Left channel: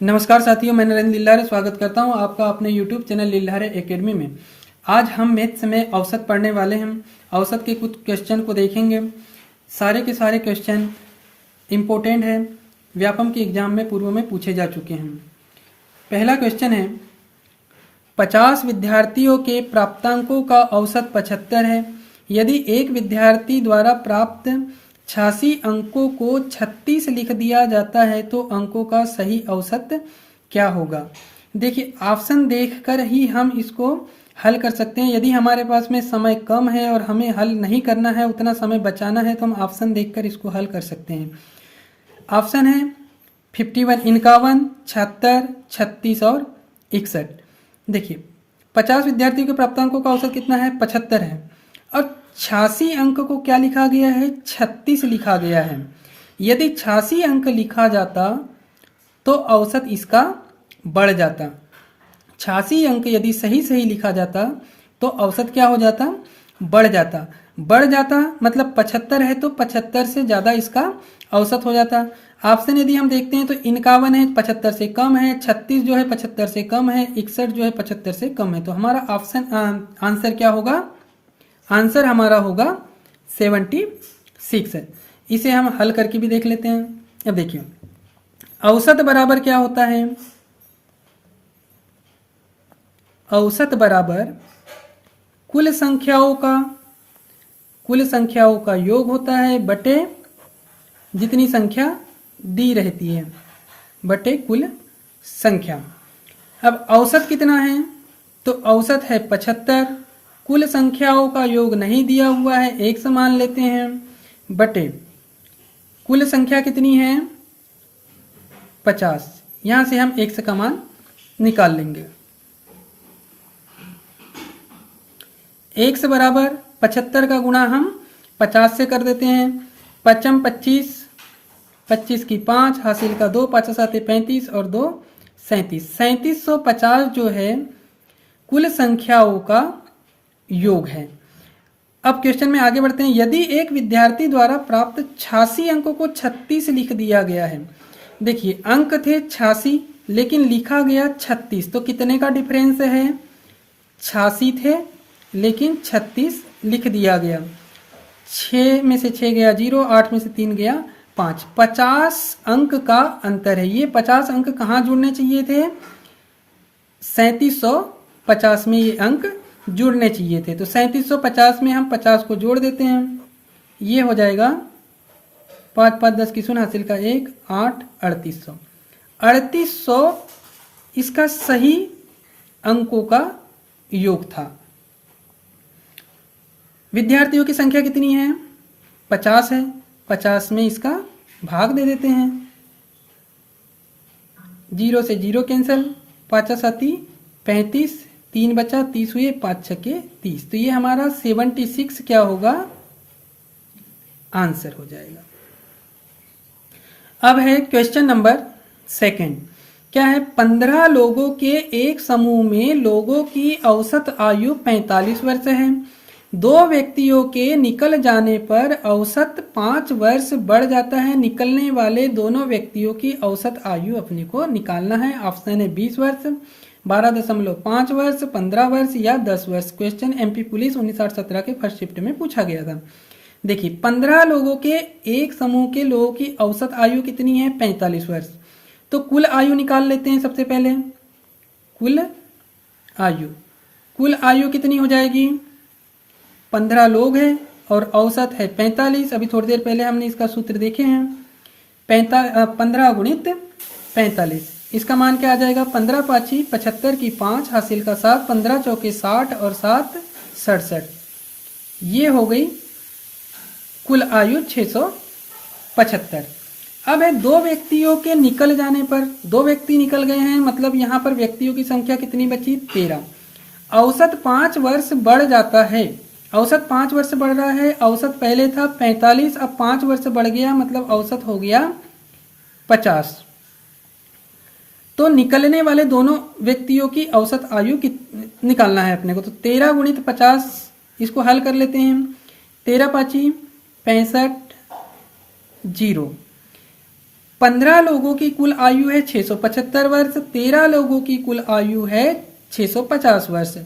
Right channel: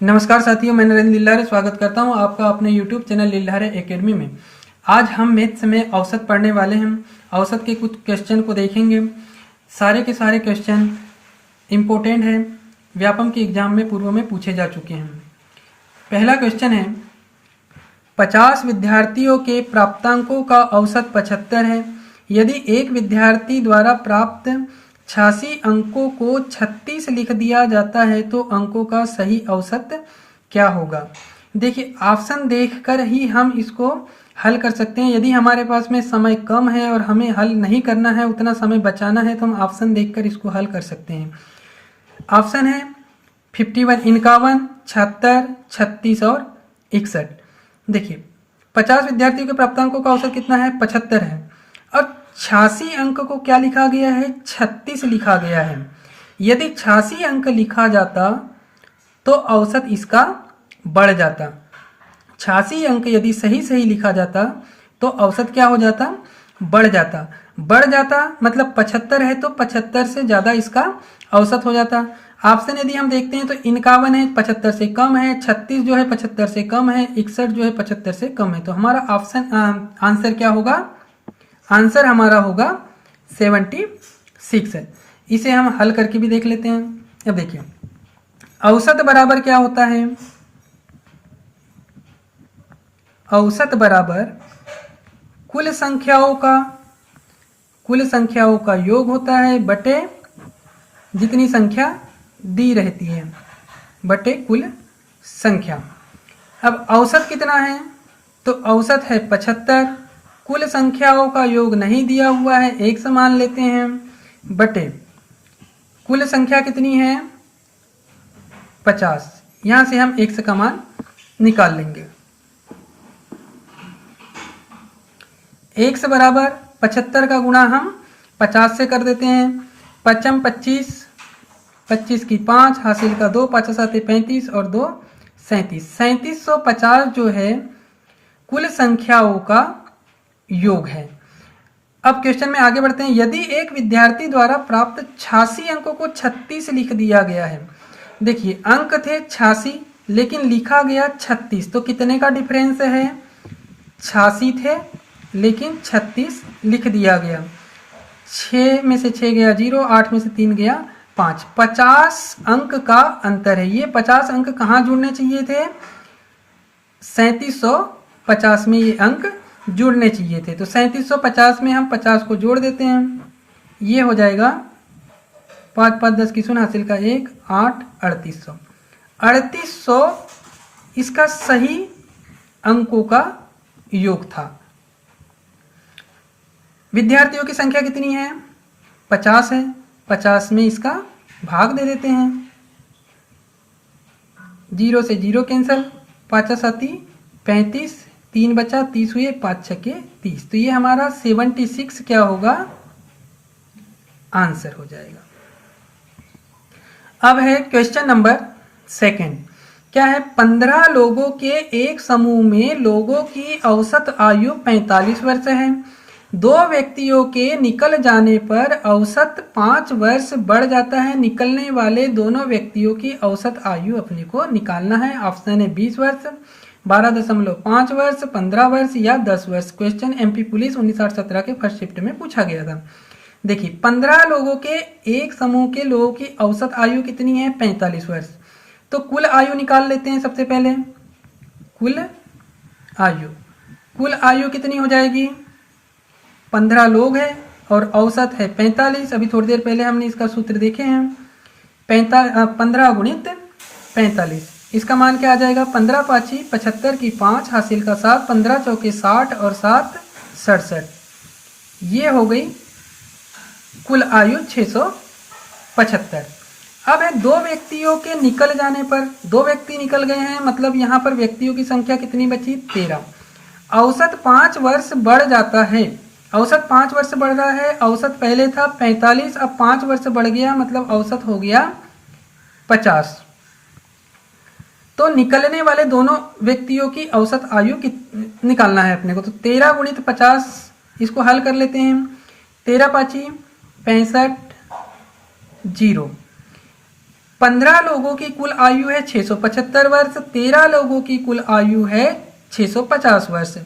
नमस्कार साथियों, मैं नरेंद्र लिल्लारे स्वागत करता हूं आपका अपने YouTube चैनल लिल्लारे एकेडमी में। आज हम मैथ्स में औसत पढ़ने वाले हैं। औसत के कुछ क्वेश्चन को देखेंगे। सारे के सारे क्वेश्चन इम्पोर्टेंट हैं, व्यापम के एग्जाम में पूर्व में पूछे जा चुके हैं। पहला क्वेश्चन है, 50 विद्यार्थियों के प्राप्तांकों का औसत 75 है। यदि एक विद्यार्थी द्वारा प्राप्त 86 अंकों को 36 लिख दिया जाता है तो अंकों का सही औसत क्या होगा। देखिए, ऑप्शन देखकर ही हम इसको हल कर सकते हैं। यदि हमारे पास में समय कम है और हमें हल नहीं करना है, उतना समय बचाना है, तो हम ऑप्शन देखकर इसको हल कर सकते हैं। ऑप्शन है 51, 51, 76, 36 और 61। देखिए, 50 विद्यार्थियों के प्राप्तांकों का औसत कितना है? 75 है। और 86 अंक को क्या लिखा गया है? 36 लिखा गया है। यदि 86 अंक लिखा जाता तो औसत इसका बढ़ जाता। 86 अंक यदि सही सही लिखा जाता तो औसत क्या हो जाता? बढ़ जाता। बढ़ जाता मतलब 75 है तो 75 से ज़्यादा इसका औसत हो जाता। ऑप्शन यदि हम देखते हैं तो 51 है, 75 से कम है, 36 जो है 75 से कम है, 61 जो है 75 से कम है। तो हमारा ऑप्शन आंसर क्या होगा? आंसर हमारा होगा 76 है। इसे हम हल करके भी देख लेते हैं। अब देखिए, औसत बराबर क्या होता है? औसत बराबर कुल संख्याओं का योग होता है बटे जितनी संख्या दी रहती है बटे कुल संख्या। अब औसत कितना है? तो औसत है 75। कुल संख्याओं का योग नहीं दिया हुआ है, एक समान लेते हैं, बटे कुल संख्या कितनी है? 50। यहां से हम x का मान निकाल लेंगे। x बराबर 75 का गुणा हम 50 से कर देते हैं। 55 25, 25 की 5 हासिल का 2, 5 7 35 और 2 37। 3750 जो है कुल संख्याओं का योग है। अब क्वेश्चन में आगे बढ़ते हैं। यदि एक विद्यार्थी द्वारा प्राप्त 86 अंकों को 36 लिख दिया गया है। देखिए, अंक थे 86 लेकिन लिखा गया 36, तो कितने का डिफरेंस है? 86 थे लेकिन 36 लिख दिया गया। 6 में से 6 गया 0, 8 में से 3 गया 5, 50 अंक का अंतर है। ये 50 अंक कहाँ जुड़ने चाहिए थे? 3750 में ये अंक जुड़ने चाहिए थे। तो 3750 में हम 50 को जोड़ देते हैं। ये हो जाएगा 5 5 10 की शून्य हासिल का 1 8 3800। 3800 इसका सही अंकों का योग था। विद्यार्थियों की संख्या कितनी है? 50 है। 50 में इसका भाग दे देते हैं। 0 से 0 कैंसिल, 5 7 35, 3 बचा, 30 हुए, 5 छके 30। तो ये हमारा 76 क्या होगा? आंसर हो जाएगा। अब है क्वेश्चन नंबर 2। क्या है? 15 लोगों के एक समूह में लोगों की औसत आयु 45 वर्ष है। 2 व्यक्तियों के निकल जाने पर औसत 5 वर्ष बढ़ जाता है। निकलने वाले दोनों व्यक्तियों की औसत आयु अपने को निकालना है। ऑप्शन है 20 वर्ष, 12.5 वर्ष, 15 वर्ष या 10 वर्ष। क्वेश्चन एमपी पुलिस 1917 के फर्स्ट शिफ्ट में पूछा गया था। देखिए, 15 लोगों के एक समूह के लोगों की औसत आयु कितनी है? 45 वर्ष। तो कुल आयु निकाल लेते हैं सबसे पहले। कुल आयु कितनी हो जाएगी? 15 लोग हैं और औसत है 45। अभी थोड़ी देर पहले हमने इसका सूत्र देखे हैं। 15 गुणित 45, इसका मान क्या आ जाएगा? 15 5 75 की 5 हासिल का 7, 15 चौके 60 और 7 67। ये हो गई कुल आयु 675। अब है 2 व्यक्तियों के निकल जाने पर, 2 व्यक्ति निकल गए हैं, मतलब यहाँ पर व्यक्तियों की संख्या कितनी बची? 13। औसत 5 वर्ष बढ़ जाता है। औसत 5 वर्ष बढ़ रहा है। औसत पहले था 45, अब 5 वर्ष बढ़ गया, मतलब औसत हो गया 50। तो निकलने वाले दोनों व्यक्तियों की औसत आयु निकालना है अपने को। तो 13 गुणित 50, इसको हल कर लेते हैं। 13 5 65 0। 15 लोगों की कुल आयु है 675 वर्ष, 13 लोगों की कुल आयु है 650 वर्ष।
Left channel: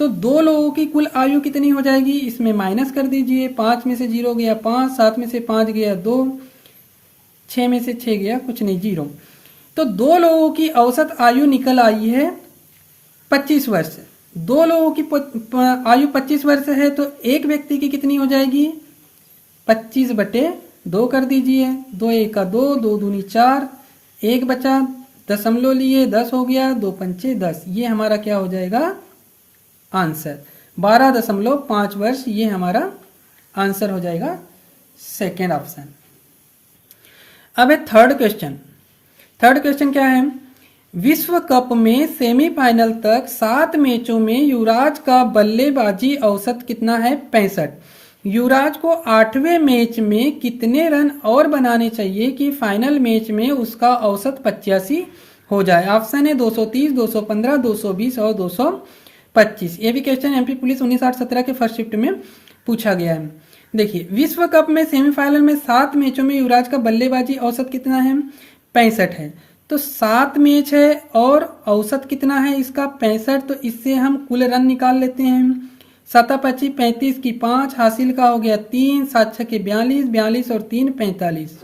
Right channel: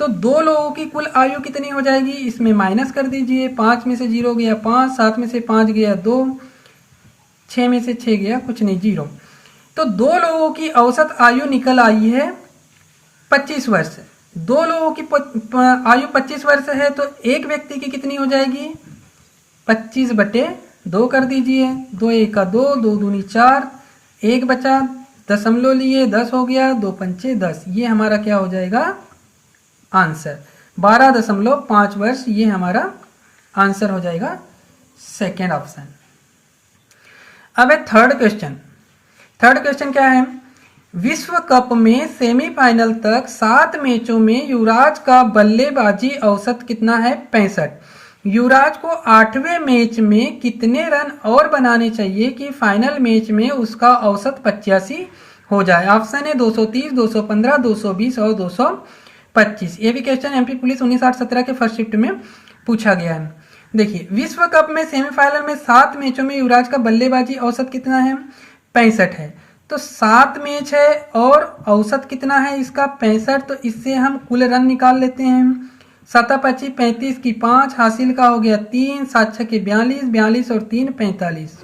तो 2 लोगों की कुल आयु कितनी हो जाएगी, इसमें माइनस कर दीजिए। 5 में से 0 गया 5, 7 में से 5 गया 2, 6 में से 6 गया कुछ नहीं 0। तो 2 लोगों की औसत आयु निकल आई है 25 वर्ष। 2 लोगों की आयु 25 वर्ष है, तो एक व्यक्ति की कितनी हो जाएगी, 25/2 कर दीजिए। 2 1 का 2, 2 दूनी 4, 1 बचा, दशमलव लिए 10 हो गया, 2 पंचे 10। ये हमारा क्या हो जाएगा आंसर, 12.5 वर्ष ये हमारा आंसर हो जाएगा, सेकेंड ऑप्शन। अब है थर्ड क्वेश्चन। थर्ड क्वेश्चन क्या है, विश्व कप में सेमीफाइनल तक 7 मैचों में युवराज का बल्लेबाजी औसत कितना है, 65। युवराज को 8वें मैच में कितने रन और बनाने चाहिए कि फाइनल मैच में उसका औसत 85 हो जाए। ऑप्शन है 230, 215, 220 और 225। ये भी क्वेश्चन एमपी पुलिस 1917 के फर्स्ट शिफ्ट में पूछा गया है। देखिए, विश्व कप में सेमीफाइनल में 7 मैचों में युवराज का बल्लेबाजी औसत कितना है, 65 है। तो 7 मैच है और औसत कितना है इसका, 65। तो इससे हम कुल रन निकाल लेते हैं। 7 25 35 की 5 हासिल का हो गया 3, 7 6 के 42, 42 और 3 45।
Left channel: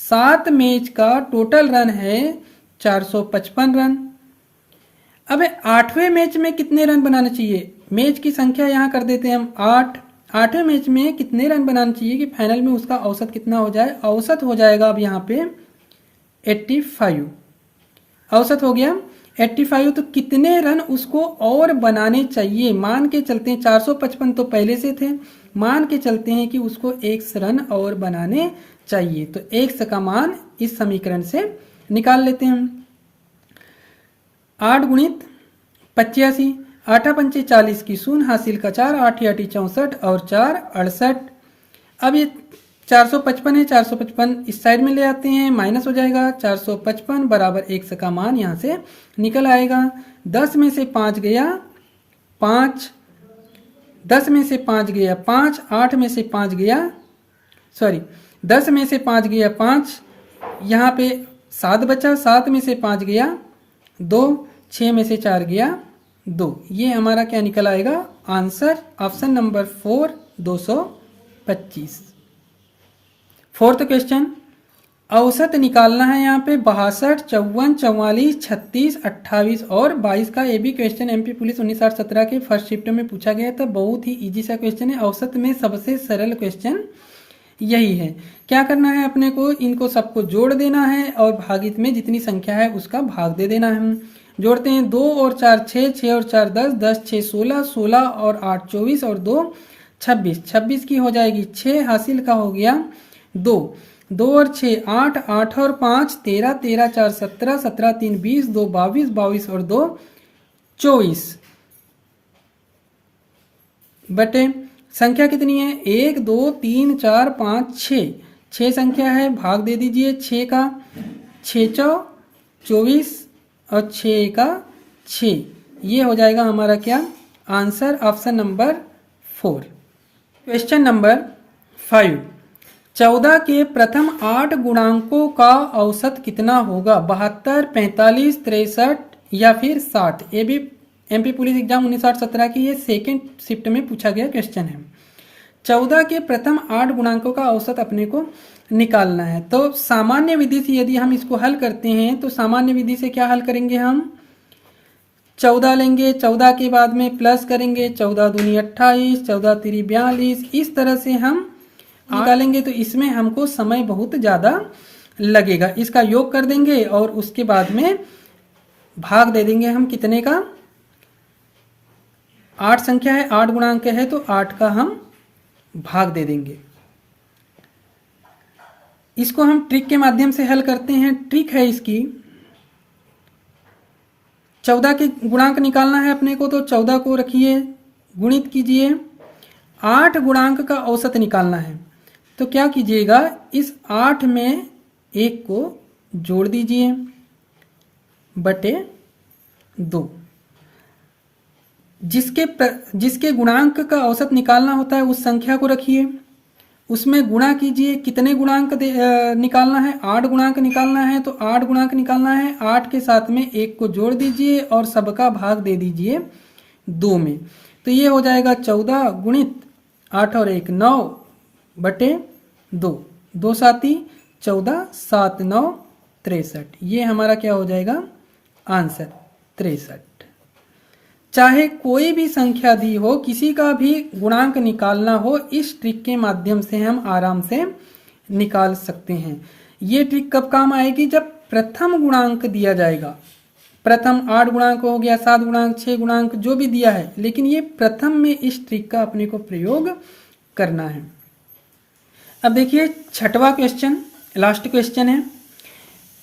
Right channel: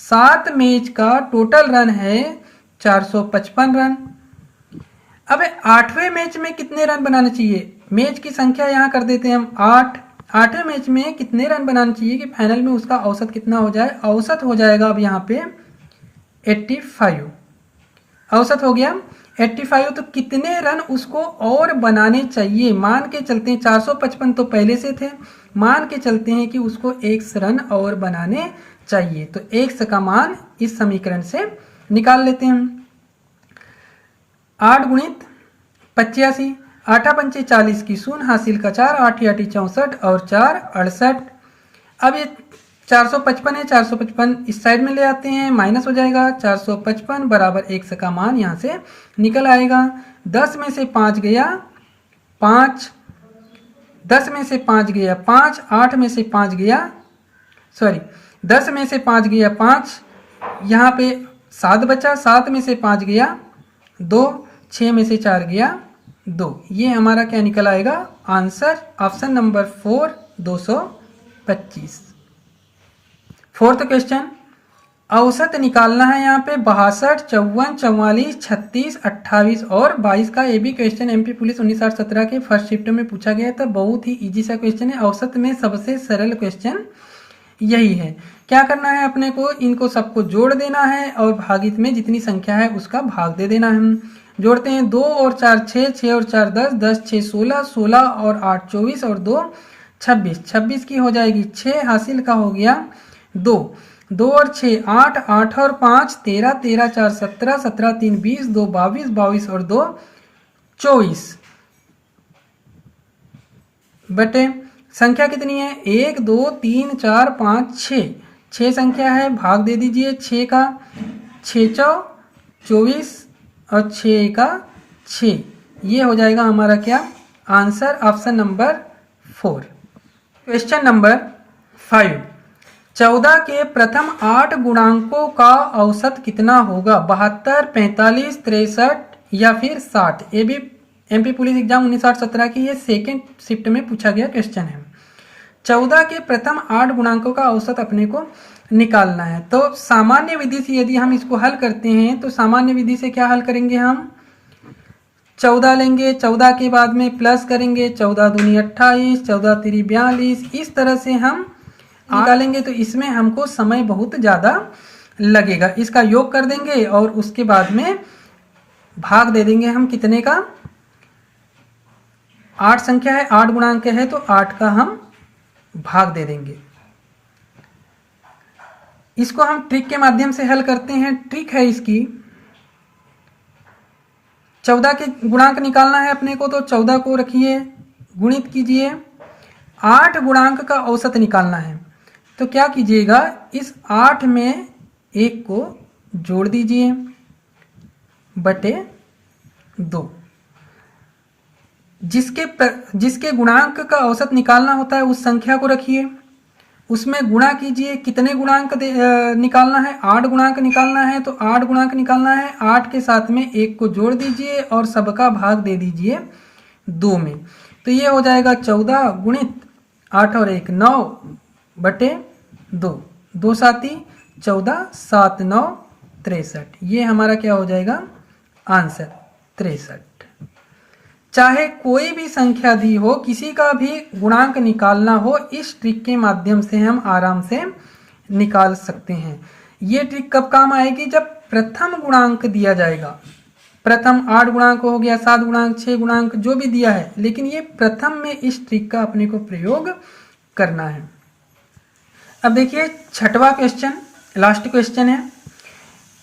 7 मैच का टोटल रन है 455 रन। अब 8वें मैच में कितने रन बनाना चाहिए, मैच की संख्या यहाँ कर देते हैं हम 8। 8वें मैच में कितने रन बनाना चाहिए कि फाइनल में उसका औसत कितना हो जाए, औसत हो जाएगा अब यहाँ पे 85। औसत हो गया 85। तो कितने रन उसको और बनाने चाहिए, मान के चलते हैं 455 तो पहले से थे, मान के चलते हैं कि उसको 1 रन और बनाने चाहिए। तो 1 का मान इस समीकरण से निकाल लेते हैं। 8 गुणित 85, 8 पंचे 40 की 0 हासिल का 4, 8 8 64 और 4 68। अब ये 455 है, 455 इस साइड में ले आते हैं, माइनस हो जाएगा। 455 बराबर 1 का मान यहाँ से निकल आएगा। 10 में से 5 गया 5, 10 में से 5 गया 5, 8 में से 5 गया, सॉरी 10 में से 5 गया 5, यहाँ पे 7 बचा, 7 में से 5 गया 2, 6 में से 4 गया 2। ये हमारा क्या निकल आएगा answer, option number 4 225। Fourth question, औसत निकालना है यहाँ पे 62, 54, 44, 36, 28 और 22 का। ये भी क्वेश्चन एमपी पुलिस 1917 के फर्स्ट शिफ्ट में पूछा गया था। बहुत ही इजी सा क्वेश्चन है, औसत में सबसे सरल क्वेश्चन यही है। क्या करना है अपने को, इनको सबको जोड़ देना है और भागित में जितनी संख्या है उसका भाग दे देना है। हम जोड़ते हैं 2 और 4 6, 6 और 4 10, 10 6 16, 16 और 8 24 और 2 26। 26 की हो जाएगी 6 हासिल का हो गया 2, 2 और 6 8, 8 और 5 13, 13 4 17, 17 3 20, 2 22, 22 और 2 24 बटे संख्या कितनी है 1 2 3 4 5 6, 6 संख्या है, भाग दे दीजिए 6 का, 6 24 और 6 का 6। ये हो जाएगा हमारा क्या answer, option number 4। Question number 5, 14 के प्रथम 8 गुणांकों का औसत कितना होगा, 72, 45, 63 या फिर 60। ये भी एमपी पुलिस एग्जाम 1917 की ये सेकेंड शिफ्ट में पूछा गया क्वेश्चन है। 14 के प्रथम 8 गुणांकों का औसत अपने को निकालना है। तो सामान्य विधि से यदि हम इसको हल करते हैं तो सामान्य विधि से क्या हल करेंगे, हम 14 लेंगे, 14 के बाद में प्लस करेंगे, 14 दूनी 28, 14 तिरी 42, इस तरह से हम निकालेंगे। तो इसमें हमको समय बहुत ज़्यादा लगेगा। इसका योग कर देंगे और उसके बाद में भाग दे देंगे हम कितने का, 8 संख्या है, 8 गुणांक है तो 8 का हम भाग दे देंगे। इसको हम ट्रिक के माध्यम से हल करते हैं। ट्रिक है इसकी, 14 के गुणांक निकालना है अपने को, तो 14 को रखिए, गुणित कीजिए, 8 गुणांक का औसत निकालना है। तो क्या कीजिएगा, इस 8 में 1 को जोड़ दीजिए बटे 2। जिसके गुणांक का औसत निकालना होता है उस संख्या को रखिए उसमें गुणा कीजिए। कितने गुणांक निकालना है? 8 गुणांक निकालना है, तो 8 गुणांक निकालना है। 8 के साथ में 1 को जोड़ दीजिए और सबका भाग दे दीजिए 2 में। तो ये हो जाएगा 14 गुणित 8 और 1 9 बटे 2, 2 साती 14, 7 9 63। ये हमारा क्या हो जाएगा? आंसर 63। चाहे कोई भी संख्या दी हो, किसी का भी गुणांक निकालना हो, इस ट्रिक के माध्यम से हम आराम से निकाल सकते हैं। ये ट्रिक कब काम आएगी? जब प्रथम गुणांक दिया जाएगा। प्रथम 8 गुणांक हो गया, 7 गुणांक, 6 गुणांक, जो भी दिया है, लेकिन ये प्रथम में इस ट्रिक का अपने को प्रयोग करना है। अब देखिए 6वां क्वेश्चन, लास्ट क्वेश्चन है।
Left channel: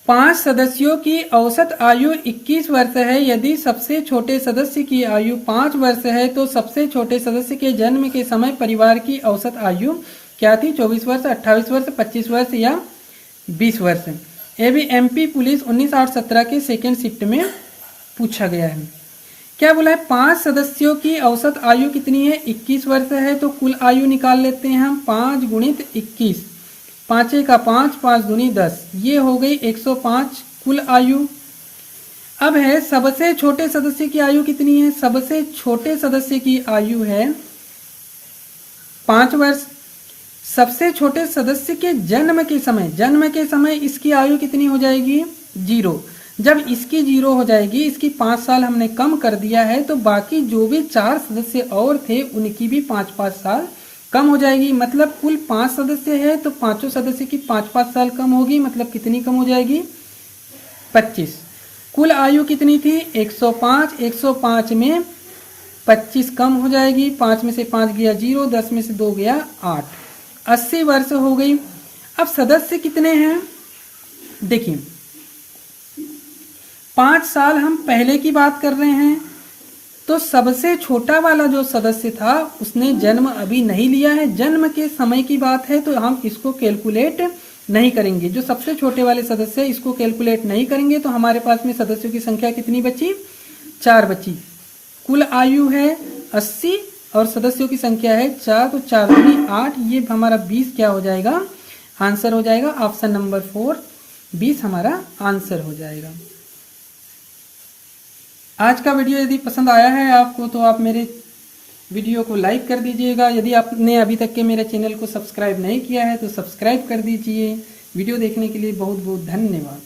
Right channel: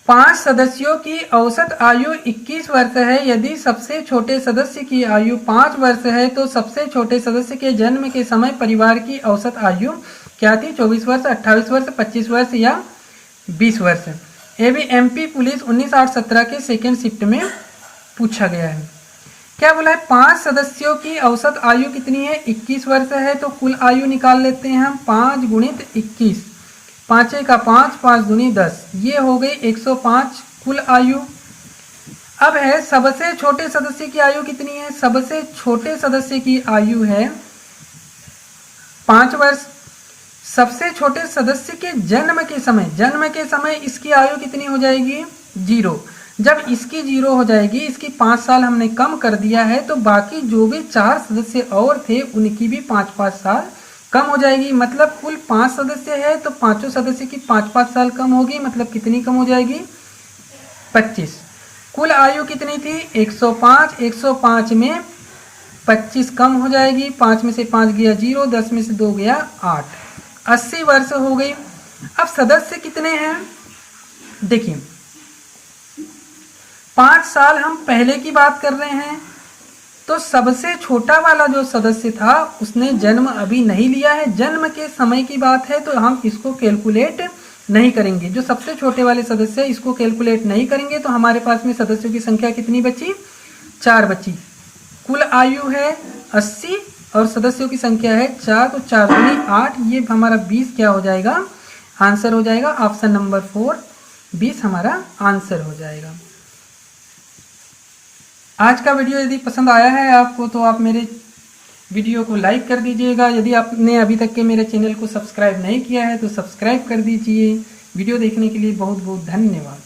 5 सदस्यों की औसत आयु 21 वर्ष है। यदि सबसे छोटे सदस्य की आयु 5 वर्ष है तो सबसे छोटे सदस्य के जन्म के समय परिवार की औसत आयु क्या थी? 24 वर्ष, 28 वर्ष, 25 वर्ष या 20 वर्ष। ये भी एमपी पुलिस 19/8/17 के सेकेंड शिफ्ट में पूछा गया है। क्या बोला है? 5 सदस्यों की औसत आयु कितनी है? 21 वर्ष है। तो कुल आयु निकाल लेते हैं हम। 5 गुणित 21, 5 का 5, 5 दूनी 10, ये हो गई 105 कुल आयु। अब है सबसे छोटे सदस्य की आयु कितनी है? सबसे छोटे सदस्य की आयु है 5 वर्ष। सबसे छोटे सदस्य के जन्म के समय इसकी आयु कितनी हो जाएगी? 0। जब इसकी 0 हो जाएगी, इसकी 5 साल हमने कम कर दिया है, तो बाकी जो भी 4 सदस्य और थे उनकी भी 5-5 साल कम हो जाएगी। मतलब कुल 5 सदस्य है तो पांचों सदस्य की 5-5 साल कम होगी। मतलब कितनी कम हो जाएगी? 25। कुल आयु कितनी थी? 105। 105 में 25 कम हो जाएगी। 5 में से 5 गया 0, 10 में से 2 गया 8, 80 वर्ष हो गई। अब सदस्य कितने हैं? देखिए 5 साल हम पहले की बात कर रहे हैं, तो सबसे छोटा वाला जो सदस्य था उसने जन्म अभी नहीं लिया है। जन्म के समय की बात है तो हम इसको कैलकुलेट नहीं करेंगे। जो सबसे छोटे वाले सदस्य है इसको कैलकुलेट नहीं करेंगे। तो हमारे पास में सदस्यों की संख्या कितनी बची? 4 बची। कुल आयु है 80 और सदस्यों की संख्या है 4, तो 4 दूनी 8, ये हमारा 20 क्या हो जाएगा? आंसर हो जाएगा। ऑप्शन नंबर 4 20 हमारा आंसर हो जाएगा। आज का वीडियो यदि पसंद आया है आपको तो आप मेरे वीडियो को लाइक कर दीजिएगा। यदि आपने अभी तक के मेरे चैनल को सब्सक्राइब नहीं किया है तो सब्सक्राइब कर दीजिए। वीडियो देखने के लिए बहुत बहुत धन्यवाद।